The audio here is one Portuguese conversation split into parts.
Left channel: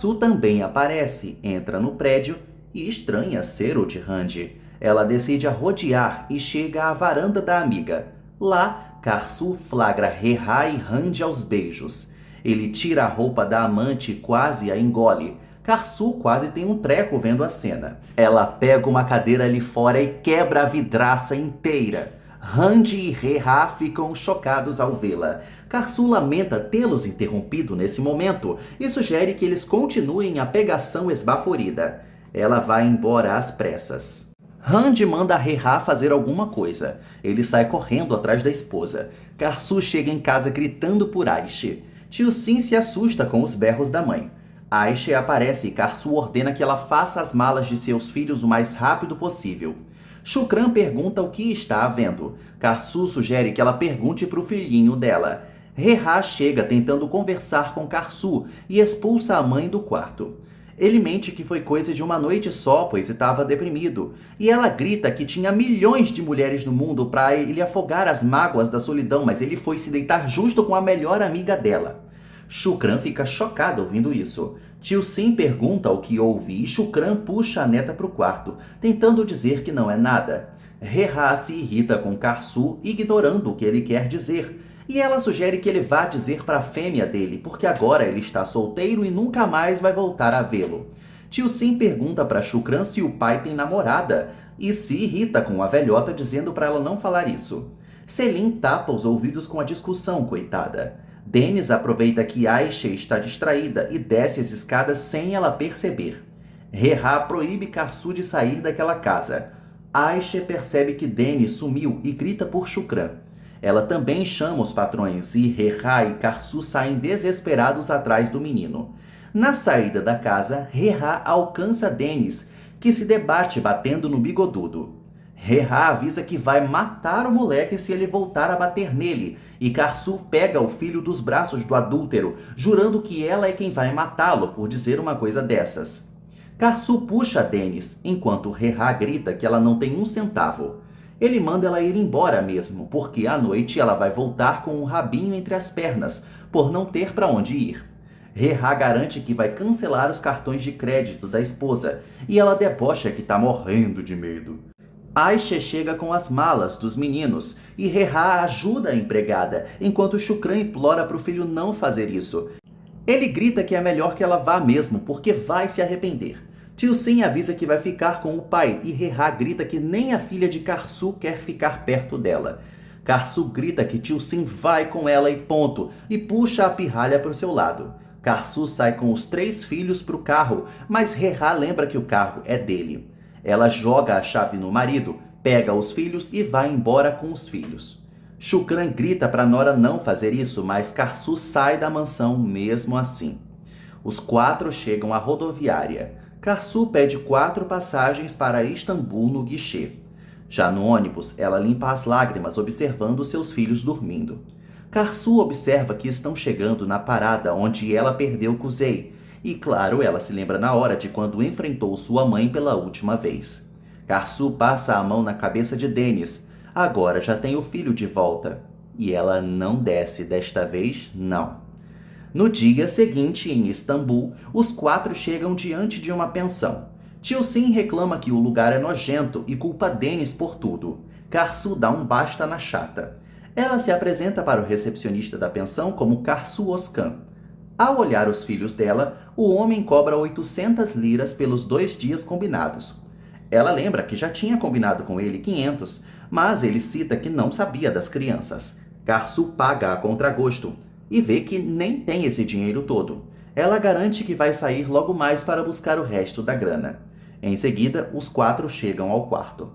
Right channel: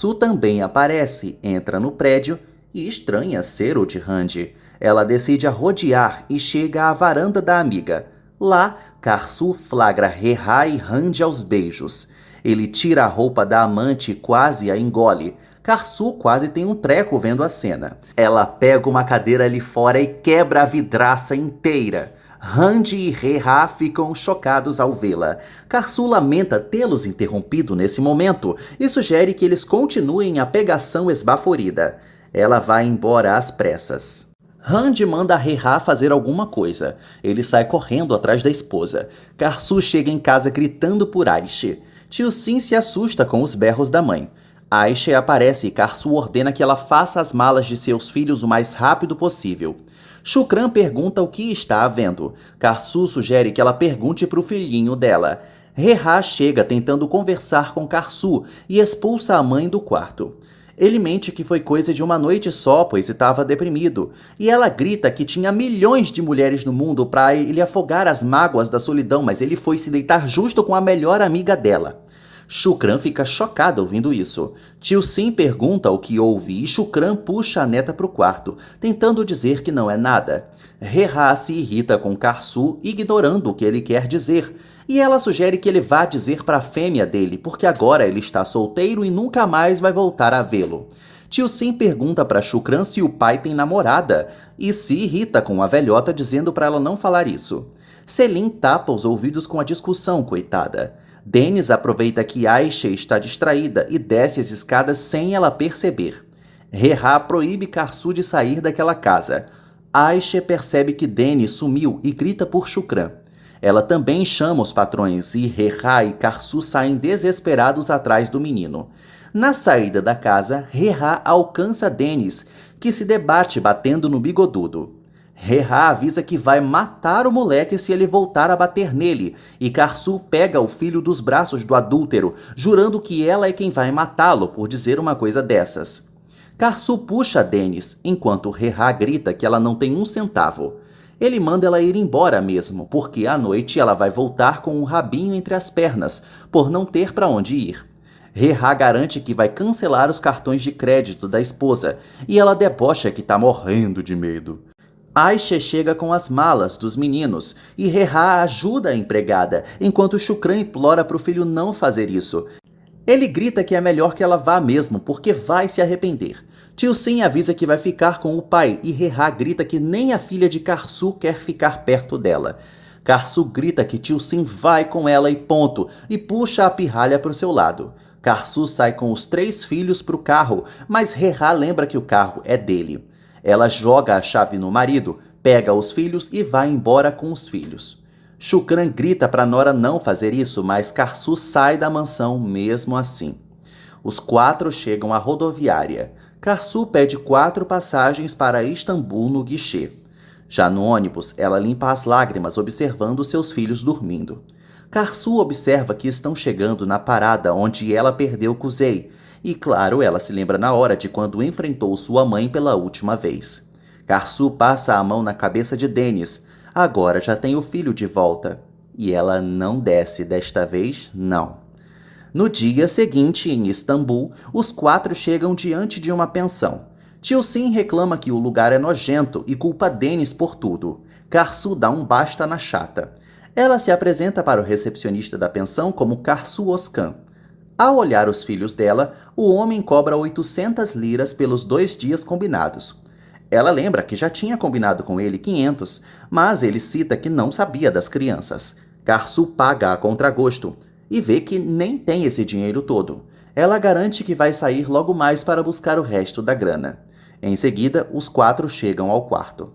Karsu também aparece, entra no prédio e estranha ser o de Randy. Ela decide a rodear e chega à varanda da amiga. Lá, Karsu flagra Reha e Randy aos beijos. Ele tira a roupa da amante e quase a engole. Karsu quase tem um treco vendo a cena. Ela pega uma cadeira ali fora e quebra a vidraça inteira. Randy e Reha ficam chocados ao vê-la. Karsu lamenta tê-los interrompido nesse momento e sugere que eles continuem a pegação esbaforida. Ela vai embora às pressas. Randy manda Reha fazer alguma coisa. Ele sai correndo atrás da esposa. Karsu chega em casa gritando por Aishe. Tio Sim se assusta com os berros da mãe. Aishe aparece e Karsu ordena que ela faça as malas de seus filhos o mais rápido possível. Shukran pergunta o que está havendo. Karsu sugere que ela pergunte para o filhinho dela. Reha chega tentando conversar com Karsu e expulsa a mãe do quarto. Ele mente que foi coisa de uma noite só, pois estava deprimido. E ela grita que tinha milhões de mulheres no mundo para ele afogar as mágoas da solidão, mas ele foi se deitar justo com a melhor amiga dela. Shukran fica chocado ouvindo isso. Tio Sim pergunta o que houve e Shukran puxa a neta para o quarto, tentando dizer que não é nada. Reha se irrita com Karsu, ignorando o que ele quer dizer. E ela sugere que ele vá dizer para a fêmea dele, porque agora ele está solteiro e nunca mais vai voltar a vê-lo. Tio Sim pergunta para Shukran se o pai tem namorada e se irrita com a velhota dizendo para ela não falar isso. Selim tapa os ouvidos com a discussão, coitada. Dennis aproveita que Aisha está distraída e desce as escadas sem ela perceber. Reha proíbe Karsu de sair daquela casa. Aisha percebe que Dennis sumiu e grita por Shukran. Ela também chama os patrões e Reha e Karsu saem desesperados atrás do menino. Na saída da casa, Reha alcança Dennis, que se debate batendo no bigodudo. Reha avisa que vai matar o moleque se ele voltar a bater nele, e Karsu pega o filho dos braços do adúltero, jurando que ela é quem vai matá-lo por dizer uma coisa dessas. Karsu puxa Dennis, enquanto Reha grita que ela não tem um centavo. Ele manda ela ir embora mesmo, porque à noite ela vai voltar com um rabinho entre as pernas, por não ter para onde ir. Reha garante que vai cancelar os cartões de crédito da esposa, e ela debocha que está morrendo de medo. Aisha chega com as malas dos meninos e Reha ajuda a empregada, enquanto Shukran implora para o filho não fazer isso. Ele grita que é melhor que ela vá mesmo, porque vai se arrepender. Tio Sim avisa que vai ficar com o pai e Reha grita que nem a filha de Karsu quer ficar perto dela. Karsu grita que Tio Sim vai com ela e ponto, e puxa a pirralha para o seu lado. Karsu sai com os 3 filhos para o carro, mas Reha lembra que o carro é dele. Ela joga a chave no marido, pega os filhos e vai embora com os filhos. Shukran grita para Nora não fazer isso, mas Karsu sai da mansão mesmo assim. Os 4 chegam à rodoviária. Karsu pede 4 passagens para Istambul no guichê. Já no ônibus, ela limpa as lágrimas observando seus filhos dormindo. Karsu observa que estão chegando na parada onde ela perdeu Kuzey. E claro, ela se lembra na hora de quando enfrentou sua mãe pela última vez. Karsu passa a mão na cabeça de Dennis. Agora já tem o filho de volta. E ela não desce desta vez, não. No dia seguinte, em Istambul, os 4 chegam diante de uma pensão. Tio Sim reclama que o lugar é nojento e culpa Dennis por tudo. Karsu dá um basta na chata. Ela se apresenta para o recepcionista da pensão como Karsu Oskan. Ao olhar os filhos dela, o homem cobra 800 liras pelos 2 dias combinados. Ela lembra que já tinha combinado com ele 500, mas ele cita que não sabia das crianças. Karsu paga a contragosto e vê que nem tem esse dinheiro todo. Ela garante que vai sair logo mais para buscar o resto da grana. Em seguida, os 4 chegam ao quarto.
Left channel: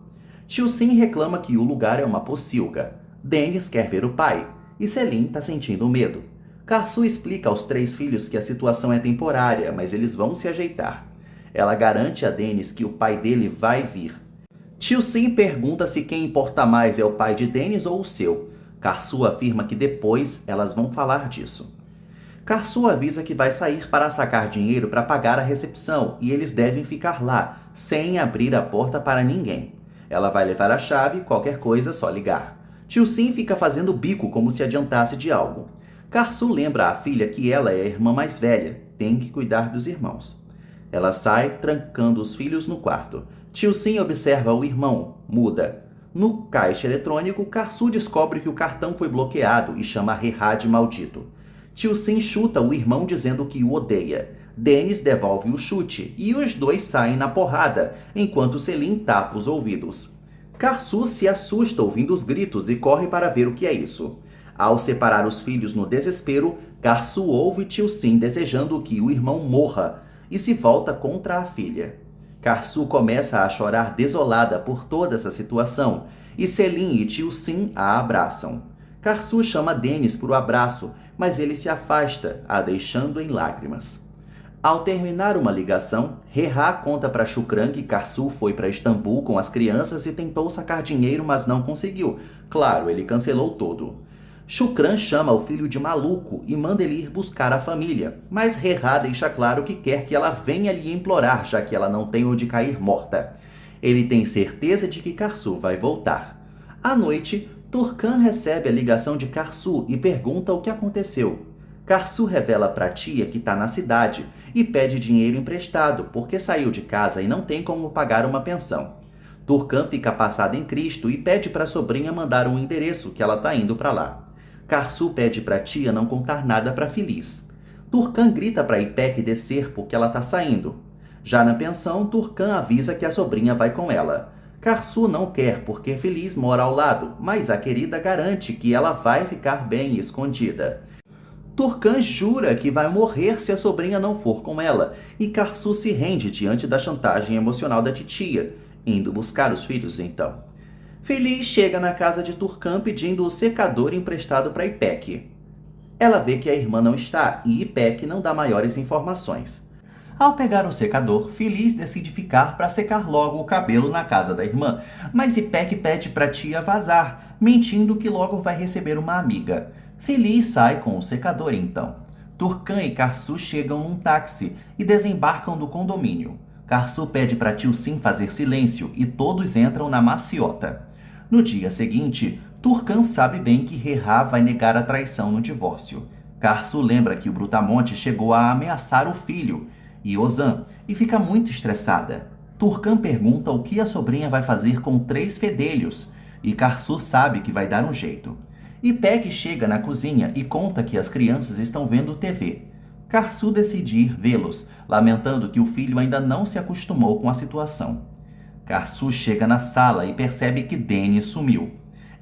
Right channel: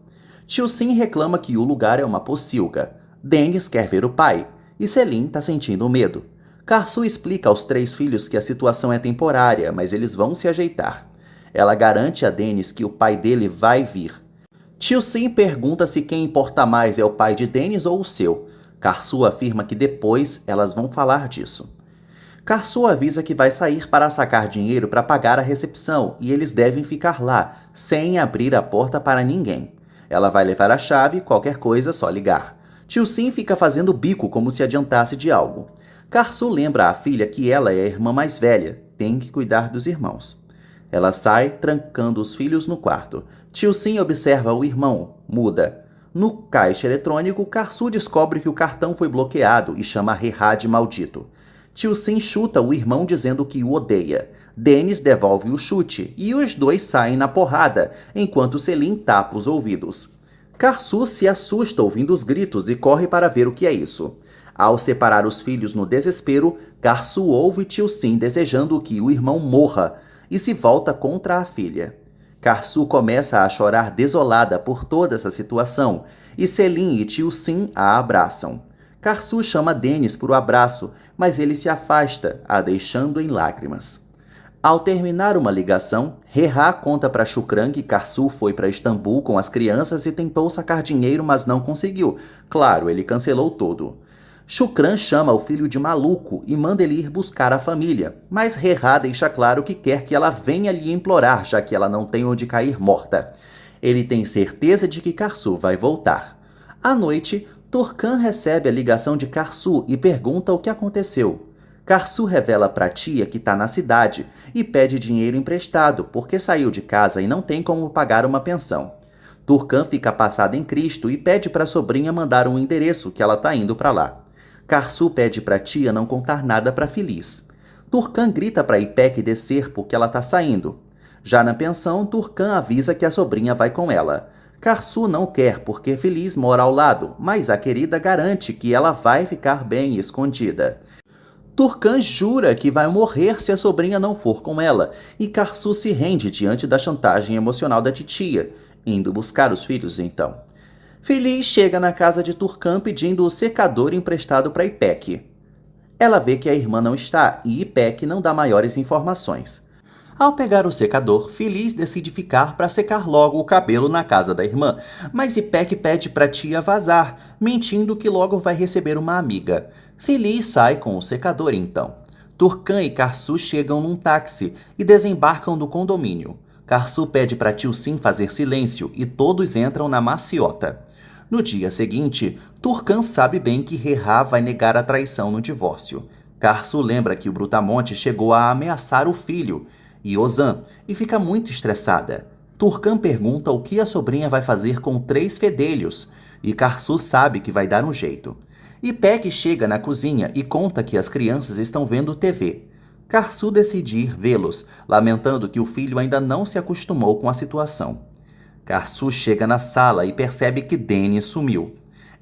Tio Sim reclama que o lugar é uma pocilga. Dennis quer ver o pai e Selim está sentindo medo. Karsu explica aos 3 filhos que a situação é temporária, mas eles vão se ajeitar. Ela garante a Dennis que o pai dele vai vir. Tio Sim pergunta se quem importa mais é o pai de Dennis ou o seu. Karsu afirma que depois elas vão falar disso. Karsu avisa que vai sair para sacar dinheiro para pagar a recepção e eles devem ficar lá, sem abrir a porta para ninguém. Ela vai levar a chave, qualquer coisa, só ligar. Tio Sim fica fazendo bico como se adiantasse de algo. Karsu lembra à filha que ela é a irmã mais velha tem que cuidar dos irmãos. Ela sai, trancando os filhos no quarto. Tio Sim observa o irmão, muda. No caixa eletrônico, Karsu descobre que o cartão foi bloqueado e chama Rehá de maldito. Tio Sim chuta o irmão dizendo que o odeia. Dennis devolve o chute e os dois saem na porrada, enquanto Selim tapa os ouvidos. Karsu se assusta ouvindo os gritos e corre para ver o que é isso. Ao separar os filhos no desespero, Karsu ouve Tio Sim desejando que o irmão morra e se volta contra a filha. Karsu começa a chorar desolada por toda essa situação e Selim e Tio Sim a abraçam. Karsu chama Dennis para o abraço, mas ele se afasta, a deixando em lágrimas. Ao terminar uma ligação, Rehá conta para Shukran que Karsu foi para Istambul com as crianças e tentou sacar dinheiro, mas não conseguiu. Claro, ele cancelou tudo. Shukran chama o filho de maluco e manda ele ir buscar a família, mas Rehá deixa claro que quer que ela venha lhe implorar, já que ela não tem onde cair morta. Ele tem certeza de que Karsu vai voltar. À noite, Turcan recebe a ligação de Karsu e pergunta o que aconteceu. Karsu revela para a tia que está na cidade e pede dinheiro emprestado porque saiu de casa e não tem como pagar uma pensão. Turcan fica passado em Cristo e pede para a sobrinha mandar um endereço que ela está indo para lá. Karsu pede para a tia não contar nada para Feliz. Turcan grita para Ipek descer porque ela está saindo. Já na pensão, Turcan avisa que a sobrinha vai com ela. Karsu não quer porque Feliz mora ao lado, mas a querida garante que ela vai ficar bem escondida. Turcan jura que vai morrer se a sobrinha não for com ela, e Karsu se rende diante da chantagem emocional da titia, indo buscar os filhos então. Feliz chega na casa de Turcan pedindo o secador emprestado para Ipek. Ela vê que a irmã não está e Ipek não dá maiores informações. Ao pegar o secador, Feliz decide ficar para secar logo o cabelo na casa da irmã, mas Ipek pede para a tia vazar, mentindo que logo vai receber uma amiga. Feliz sai com o secador então. Turcan e Karsu chegam num táxi e desembarcam do condomínio. Karsu pede para Tio Sim fazer silêncio e todos entram na maciota. No dia seguinte, Turcan sabe bem que Rehá vai negar a traição no divórcio. Karsu lembra que o Brutamonte chegou a ameaçar o filho e Ozan e fica muito estressada. Turcan pergunta o que a sobrinha vai fazer com 3 fedelhos e Karsu sabe que vai dar um jeito. Ipek chega na cozinha e conta que as crianças estão vendo TV. Karsu decide ir vê-los, lamentando que o filho ainda não se acostumou com a situação. Karsu chega na sala e percebe que Dennis sumiu.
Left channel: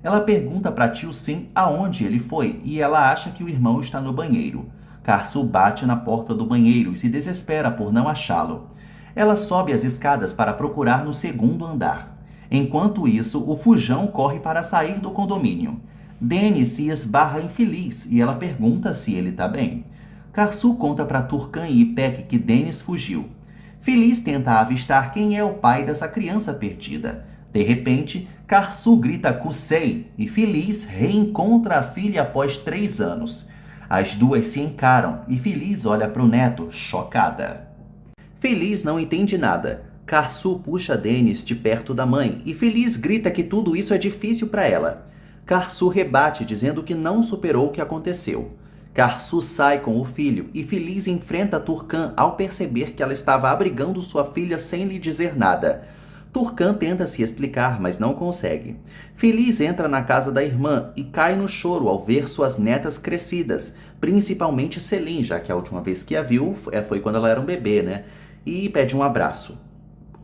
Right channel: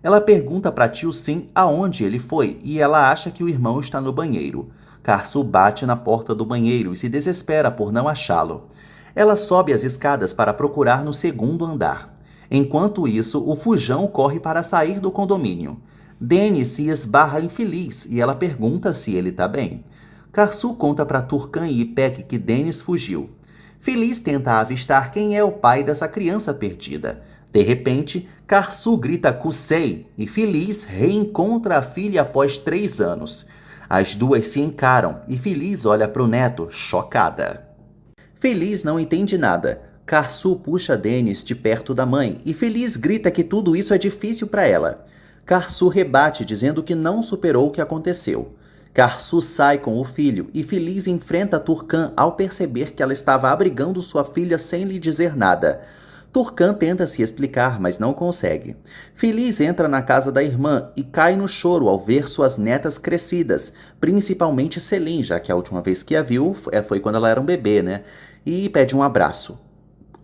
Ela pergunta para Tio Sim aonde ele foi e ela acha que o irmão está no banheiro. Karsu bate na porta do banheiro e se desespera por não achá-lo. Ela sobe as escadas para procurar no 2º andar. Enquanto isso, o Fujão corre para sair do condomínio. Dennis se esbarra infeliz e ela pergunta se ele está bem. Karsu conta para Turcan e Ipek que Dennis fugiu. Feliz tenta avistar quem é o pai dessa criança perdida. De repente, Karsu grita Kusei e Feliz reencontra a filha após 3 anos. As duas se encaram e Feliz olha para o neto, chocada. Feliz não entende nada. Karsu puxa Dennis de perto da mãe e Feliz grita que tudo isso é difícil para ela. Karsu rebate dizendo que não superou o que aconteceu. Karsu sai com o filho e Feliz enfrenta Turcan ao perceber que ela estava abrigando sua filha sem lhe dizer nada. Turcan tenta se explicar, mas não consegue. Feliz entra na casa da irmã e cai no choro ao ver suas netas crescidas, principalmente Selim, já que a última vez que a viu foi quando ela era um bebê, né? E pede um abraço.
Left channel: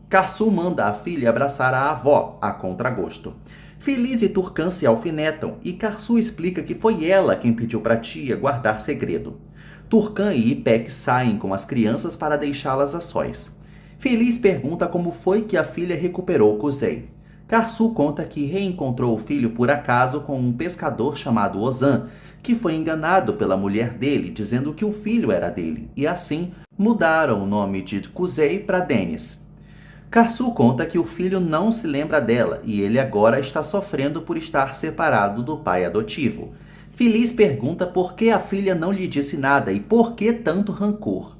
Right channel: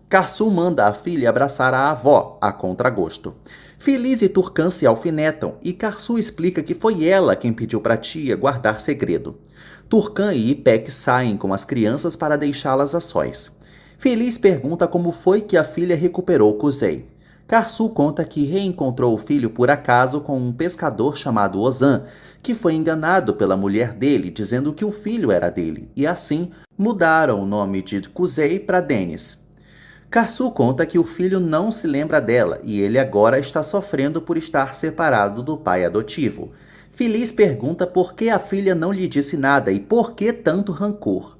Karsu manda a filha abraçar a avó, a contragosto. Feliz e Turcan se alfinetam e Karsu explica que foi ela quem pediu para a tia guardar segredo. Turcan e Ipek saem com as crianças para deixá-las a sós. Feliz pergunta como foi que a filha recuperou Kusei. Karsu conta que reencontrou o filho por acaso com um pescador chamado Ozan, que foi enganado pela mulher dele dizendo que o filho era dele, e assim mudaram o nome de Kusei para Dennis. Karsu conta que o filho não se lembra dela e ele agora está sofrendo por estar separado do pai adotivo. Feliz pergunta por que a filha não lhe disse nada e por que tanto rancor.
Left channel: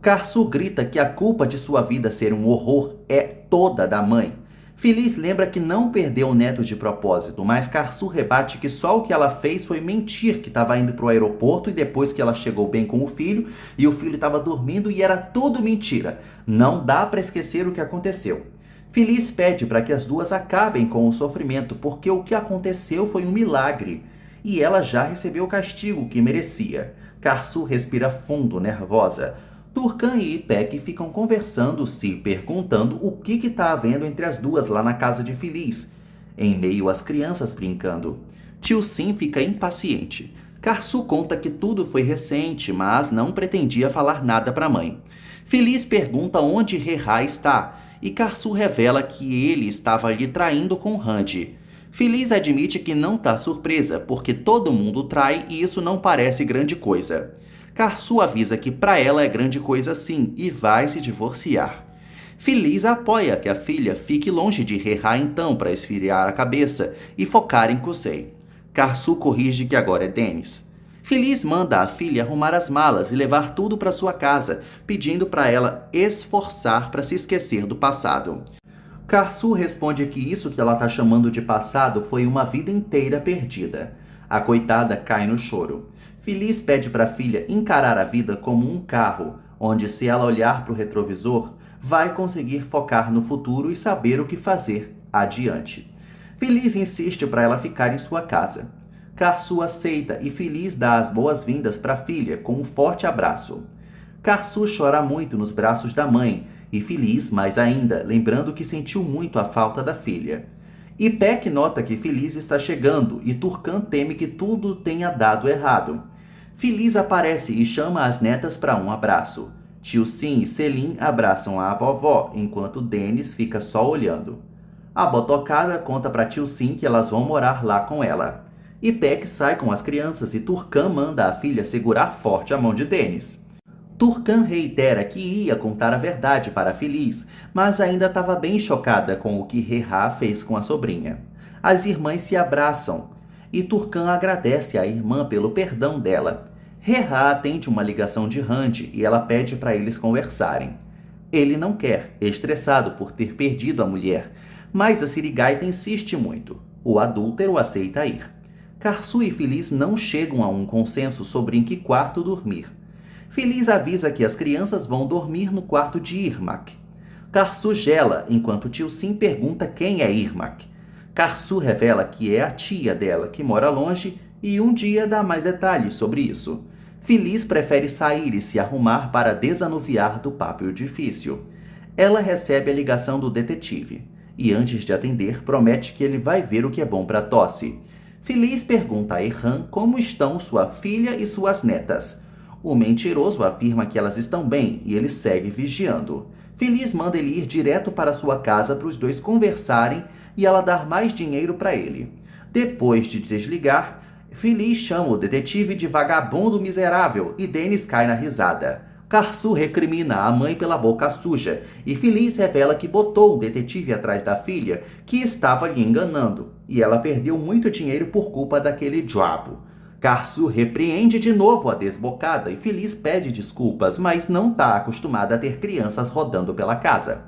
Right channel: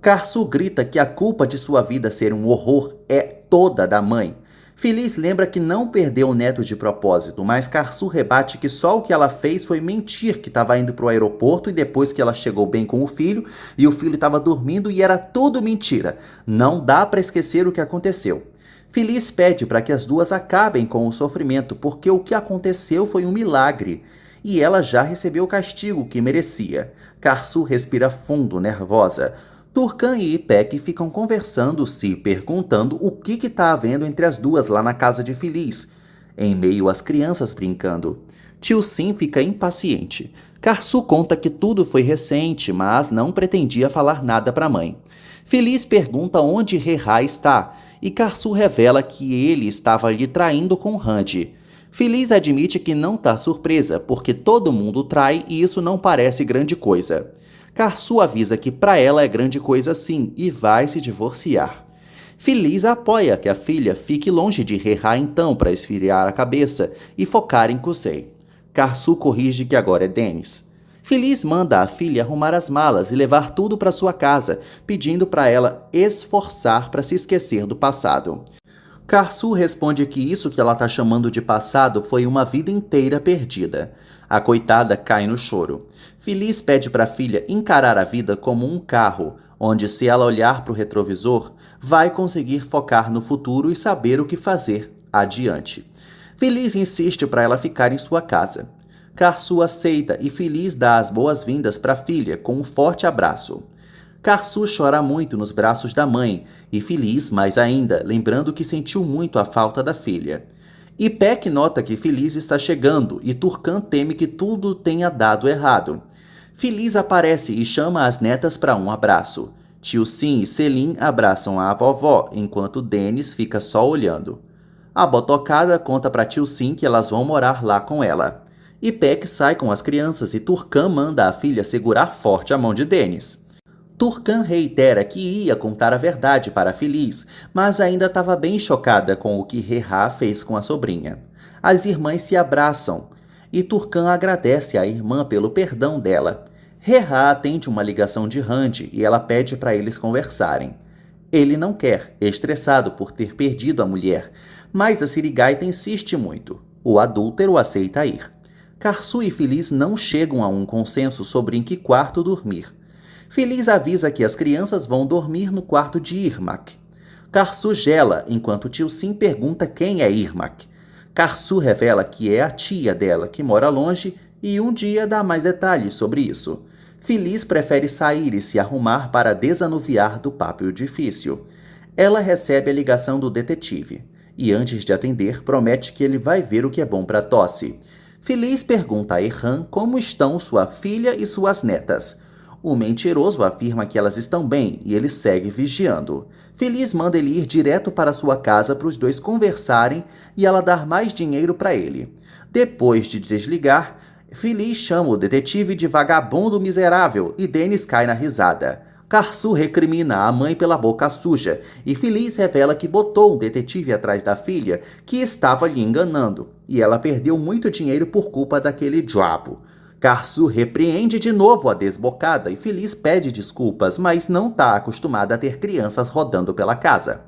Karsu grita que a culpa de sua vida ser um horror é toda da mãe. Feliz lembra que não perdeu o neto de propósito, mas Karsu rebate que só o que ela fez foi mentir que estava indo para o aeroporto e depois que ela chegou bem com o filho e o filho estava dormindo e era tudo mentira. Não dá para esquecer o que aconteceu. Feliz pede para que as duas acabem com o sofrimento porque o que aconteceu foi um milagre e ela já recebeu o castigo que merecia. Karsu respira fundo, nervosa. Turcan e Ipek ficam conversando, se perguntando o que está havendo entre as duas lá na casa de Feliz, em meio às crianças brincando. Tio Sim fica impaciente. Karsu conta que tudo foi recente, mas não pretendia falar nada para a mãe. Feliz pergunta onde Reha está, e Karsu revela que ele estava lhe traindo com Randy. Feliz admite que não está surpresa, porque todo mundo trai e isso não parece grande coisa. Karsu avisa que para ela é grande coisa sim e vai se divorciar. Feliz apoia que a filha fique longe de Reha então para esfriar a cabeça e focar em Kusei. Karsu corrige que agora é Dennis. Feliz manda a filha arrumar as malas e levar tudo para sua casa, pedindo para ela esforçar para se esquecer do passado. Karsu responde que isso que ela está chamando de passado foi uma vida inteira perdida. A coitada cai no choro. Feliz pede para a filha encarar a vida como um carro, onde se ela olhar para o retrovisor, vai conseguir focar no futuro e saber o que fazer adiante. Feliz insiste para ela ficar em sua casa. Karsu aceita e Feliz dá as boas-vindas para a filha com um forte abraço. Karsu chora muito nos braços da mãe e Feliz mais ainda, lembrando que sentiu muito a falta da filha. Ipek nota que Feliz está chegando e Turcan teme que tudo tenha dado errado. Feliz aparece e chama as netas para um abraço. Tio Sim e Selim abraçam a vovó, enquanto Dennis fica só olhando. A botocada conta para Tio Sim que elas vão morar lá com ela. Ipek sai com as crianças e Turcan manda a filha segurar forte a mão de Dennis. Turcan reitera que ia contar a verdade para Feliz, mas ainda estava bem chocada com o que Reha fez com a sobrinha. As irmãs se abraçam e Turcan agradece à irmã pelo perdão dela. Reha atende uma ligação de Randy e ela pede para eles conversarem. Ele não quer, estressado por ter perdido a mulher, mas a sirigaita insiste muito. O adúltero aceita ir. Karsu e Feliz não chegam a um consenso sobre em que quarto dormir. Feliz avisa que as crianças vão dormir no quarto de Irmak. Karsu gela enquanto Tio Sim pergunta quem é Irmak. Karsu revela que é a tia dela, que mora longe, e um dia dá mais detalhes sobre isso. Feliz prefere sair e se arrumar para desanuviar do papo difícil. Ela recebe a ligação do detetive e, antes de atender, promete que ele vai ver o que é bom para Tosse. Feliz pergunta a Erhan como estão sua filha e suas netas. O mentiroso afirma que elas estão bem e ele segue vigiando. Feliz manda ele ir direto para sua casa para os dois conversarem e ela dar mais dinheiro para ele. Depois de desligar, Feliz chama o detetive de vagabundo miserável e Dennis cai na risada. Karsu recrimina a mãe pela boca suja e Feliz revela que botou um detetive atrás da filha que estava lhe enganando e ela perdeu muito dinheiro por culpa daquele diabo. Karsu repreende de novo a desbocada e Feliz pede desculpas, mas não está acostumada a ter crianças rodando pela casa.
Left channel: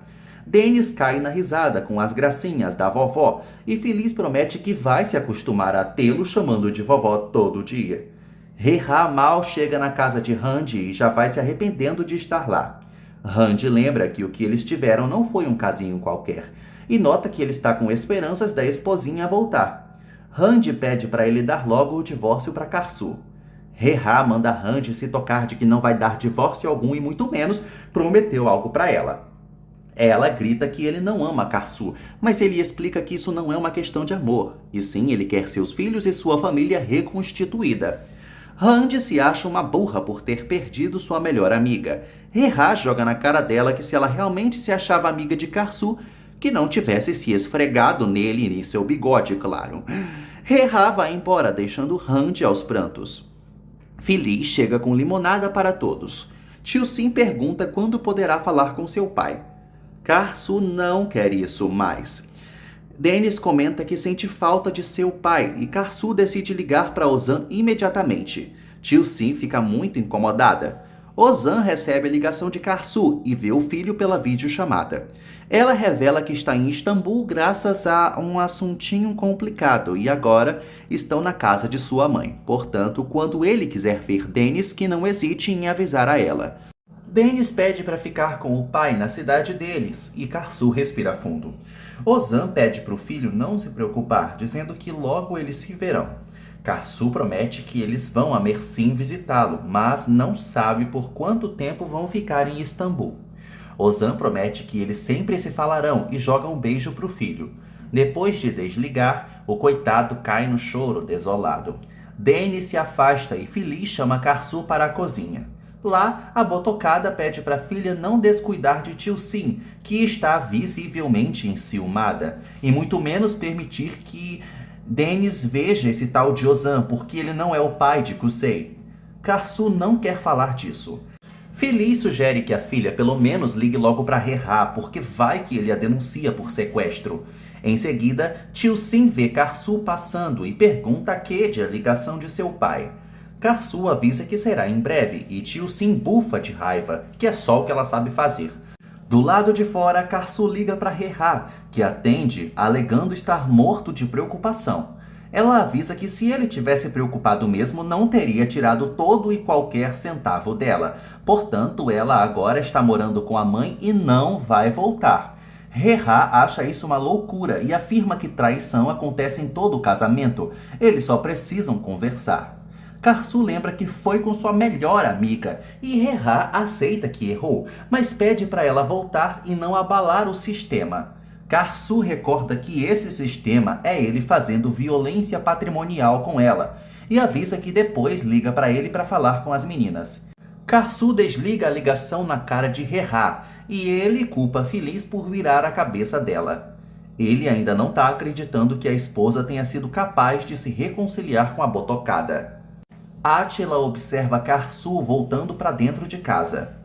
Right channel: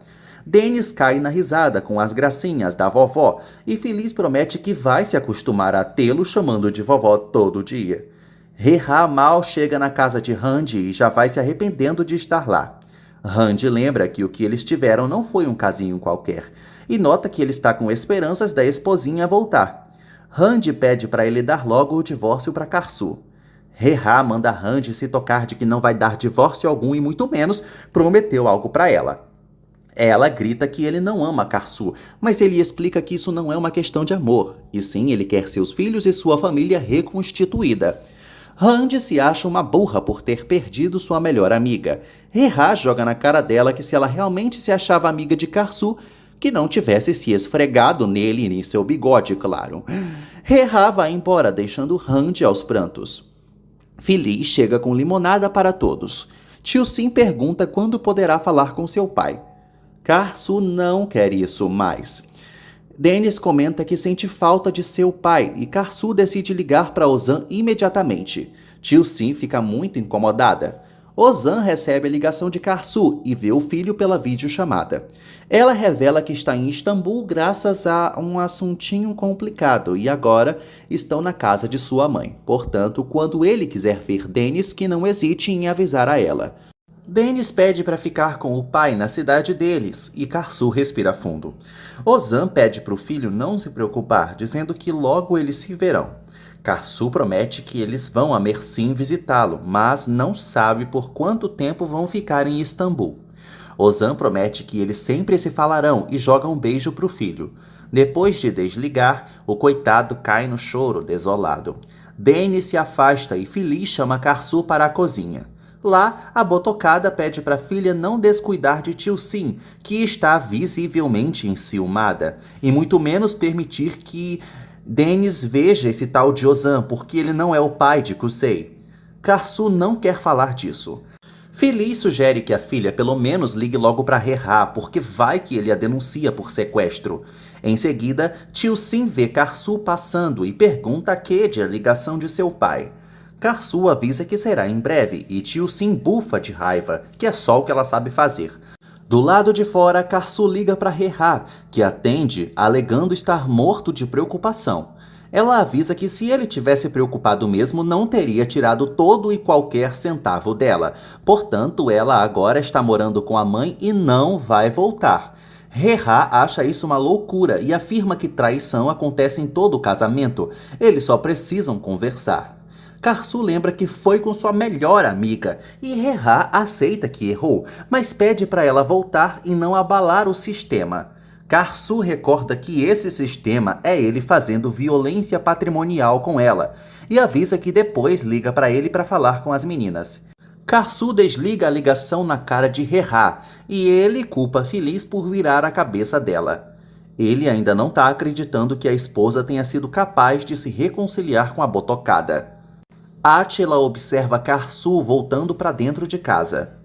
Dennis cai na risada com as gracinhas da vovó e Feliz promete que vai se acostumar a tê-lo chamando de vovó todo dia. Reha mal chega na casa de Randy e já vai se arrependendo de estar lá. Randy lembra que o que eles tiveram não foi um casinho qualquer e nota que ele está com esperanças da esposinha voltar. Randy pede para ele dar logo o divórcio para Karsu. Reha manda Randy se tocar de que não vai dar divórcio algum e muito menos prometeu algo para ela. Ela grita que ele não ama Karsu, mas ele explica que isso não é uma questão de amor, e sim ele quer seus filhos e sua família reconstituída. Randy se acha uma burra por ter perdido sua melhor amiga. Reha joga na cara dela que se ela realmente se achava amiga de Karsu, que não tivesse se esfregado nele e em seu bigode, claro. Reha vai embora, deixando Randy aos prantos. Feliz chega com limonada para todos. Tio Sim pergunta quando poderá falar com seu pai. Karsu não quer isso mais. Dennis comenta que sente falta de seu pai e Karsu decide ligar para Ozan imediatamente. Tio Sim fica muito incomodada. Ozan recebe a ligação de Karsu e vê o filho pela videochamada. Ela revela que está em Istambul graças a um assuntinho complicado e agora estão na casa de sua mãe. Portanto, quando ele quiser ver Deniz, que não hesite em avisar a ela. Deniz pede para ficar com o pai na cidade deles e Karsu respira fundo. Ozan pede para o filho não se preocupar, dizendo que logo eles se verão. Karsu promete que eles vão a Mersin visitá-lo, mas não sabe por quanto tempo vão ficar em Istambul. Ozan promete que eles sempre se falarão e joga um beijo pro filho. Depois de desligar, o coitado cai no choro, desolado. Deniz se afasta e feliz chama Karsu para a cozinha. Lá, a botocada pede para a filha não descuidar de Tio Sim, que está visivelmente enciumada, e muito menos permitir que Deniz veja esse tal de Ozan, porque ele não é o pai de Kusei. Karsu não quer falar disso. Feliz sugere que a filha pelo menos ligue logo para Rerá, porque vai que ele a denuncia por sequestro. Em seguida, Tio Sim vê Karsu passando e pergunta a Kedi a ligação de seu pai. Karsu avisa que será em breve e Tio Sim bufa de raiva, que é só o que ela sabe fazer. Do lado de fora, Karsu liga para Rerá, que atende alegando estar morto de preocupação. Ela avisa que se ele tivesse preocupado mesmo, não teria tirado todo e qualquer centavo dela. Portanto, ela agora está morando com a mãe e não vai voltar. Rerá acha isso uma loucura e afirma que traição acontece em todo o casamento. Eles só precisam conversar. Karsu lembra que foi com sua melhor amiga e Rerá aceita que errou, mas pede para ela voltar e não abalar o sistema. Karsu recorda que esse sistema é ele fazendo violência patrimonial com ela e avisa que depois liga para ele para falar com as meninas. Karsu desliga a ligação na cara de Rerá e ele culpa Feliz por virar a cabeça dela. Ele ainda não está acreditando que a esposa tenha sido capaz de se reconciliar com a botocada. Átila observa Karsu voltando para dentro de casa.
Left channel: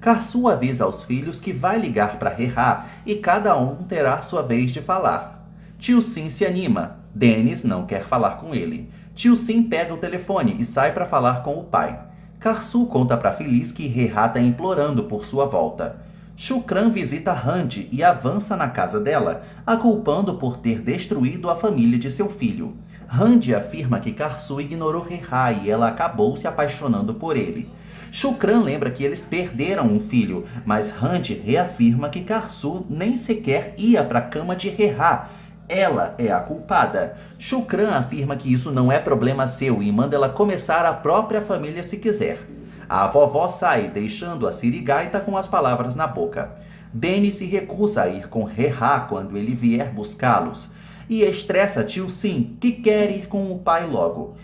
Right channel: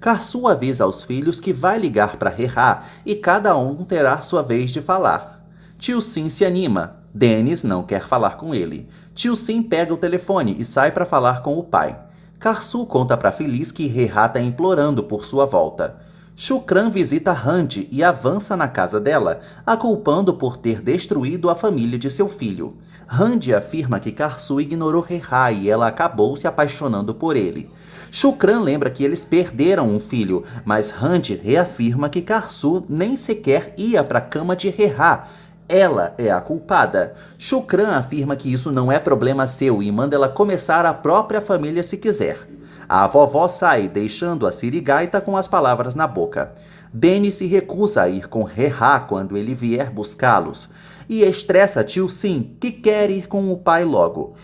Karsu avisa aos filhos que vai ligar para Rerá e cada um terá sua vez de falar. Tio Sim se anima. Deniz não quer falar com ele. Tio Sim pega o telefone e sai para falar com o pai. Karsu conta para Feliz que Rerá está implorando por sua volta. Shukran visita Handi e avança na casa dela, a culpando por ter destruído a família de seu filho. Handi afirma que Karsu ignorou Rerá e ela acabou se apaixonando por ele. Shukran lembra que eles perderam um filho, mas Handi reafirma que Karsu nem sequer ia para a cama de Rerá. Ela é a culpada. Shukran afirma que isso não é problema seu e manda ela começar a própria família se quiser. A vovó sai, deixando a sirigaita com as palavras na boca. Deniz se recusa a ir com Rerá quando ele vier buscá-los. E estressa Tio Sim, que quer ir com o pai logo.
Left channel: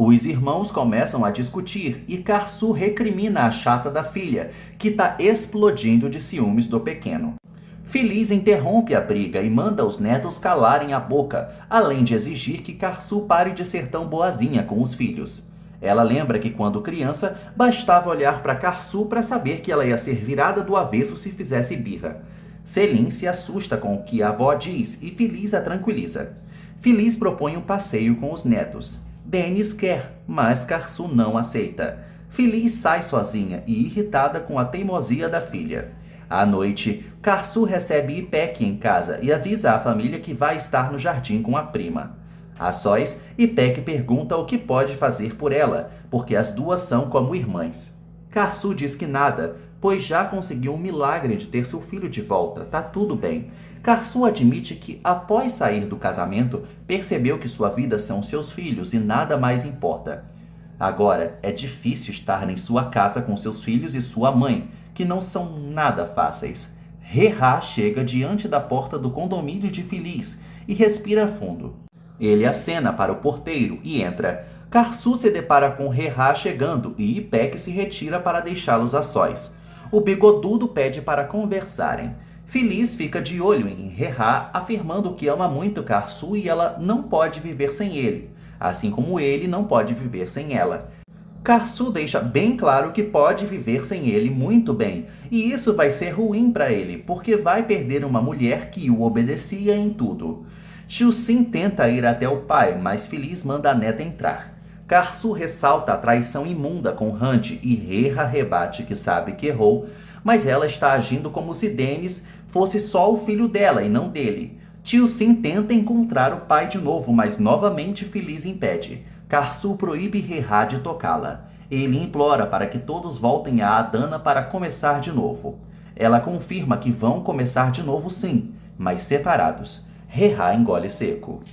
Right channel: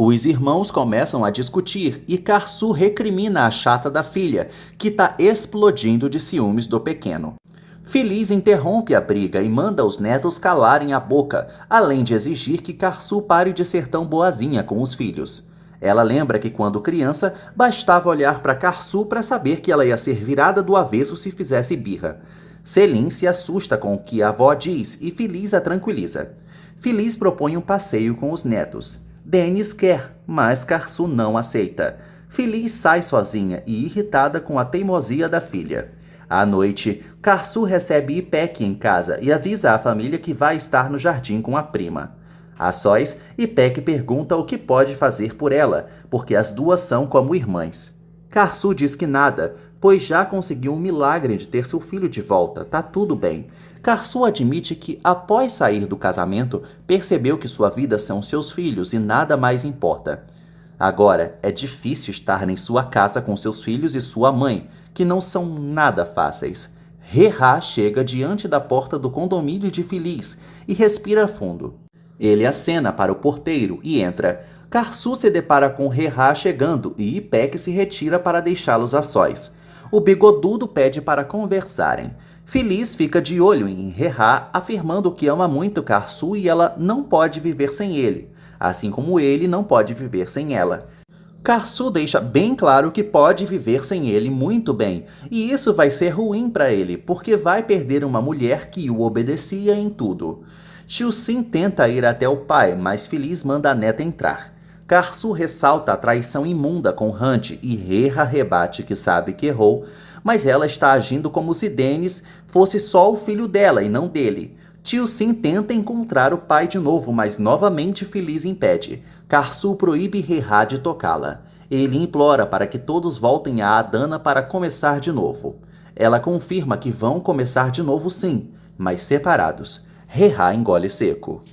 Os irmãos começam a discutir e Karsu recrimina a chata da filha, que está explodindo de ciúmes do pequeno. Feliz interrompe a briga e manda os netos calarem a boca, além de exigir que Karsu pare de ser tão boazinha com os filhos. Ela lembra que quando criança, bastava olhar para Karsu para saber que ela ia ser virada do avesso se fizesse birra. Selim se assusta com o que a avó diz e Feliz a tranquiliza. Feliz propõe um passeio com os netos. Deniz quer, mas Karsu não aceita. Feliz sai sozinha e irritada com a teimosia da filha. À noite, Karsu recebe Ipek em casa e avisa à família que vai estar no jardim com a prima. A sós, Ipek pergunta o que pode fazer por ela, porque as duas são como irmãs. Karsu diz que nada, pois já conseguiu um milagre de ter seu filho de volta, tá tudo bem. Karsu admite que, após sair do casamento, percebeu que sua vida são seus filhos e nada mais importa. Agora, é difícil estar em sua casa com seus filhos e sua mãe, que não são nada fáceis. Rerá chega diante da porta do condomínio de Feliz e respira fundo. Ele acena para o porteiro e entra. Karsu se depara com Rerá chegando e Ipek se retira para deixá-los a sós. O bigodudo pede para conversarem. Feliz fica de olho em Rerá, afirmando que ama muito Karsu e ela não pode viver sem ele, assim como ele não pode viver sem ela. Karsu deixa bem claro que pode viver sem ele muito bem, e isso vai ser ruim para ele, porque vai perder uma mulher que o obedecia em tudo. Tio Sim tenta ir até o pai, mas Feliz manda a neta entrar. Karsu ressalta a traição imunda com Handi e Rerá rebate que sabe que errou, mas ela está agindo como se Deniz fosse só o filho dela e não dele. Tio Sim tenta encontrar o pai de novo, mas novamente Feliz impede. Karsu proíbe He-Ha de tocá-la. Ele implora para que todos voltem a Adana para começar de novo. Ela confirma que vão começar de novo sim, mas separados. He-Ha engole seco.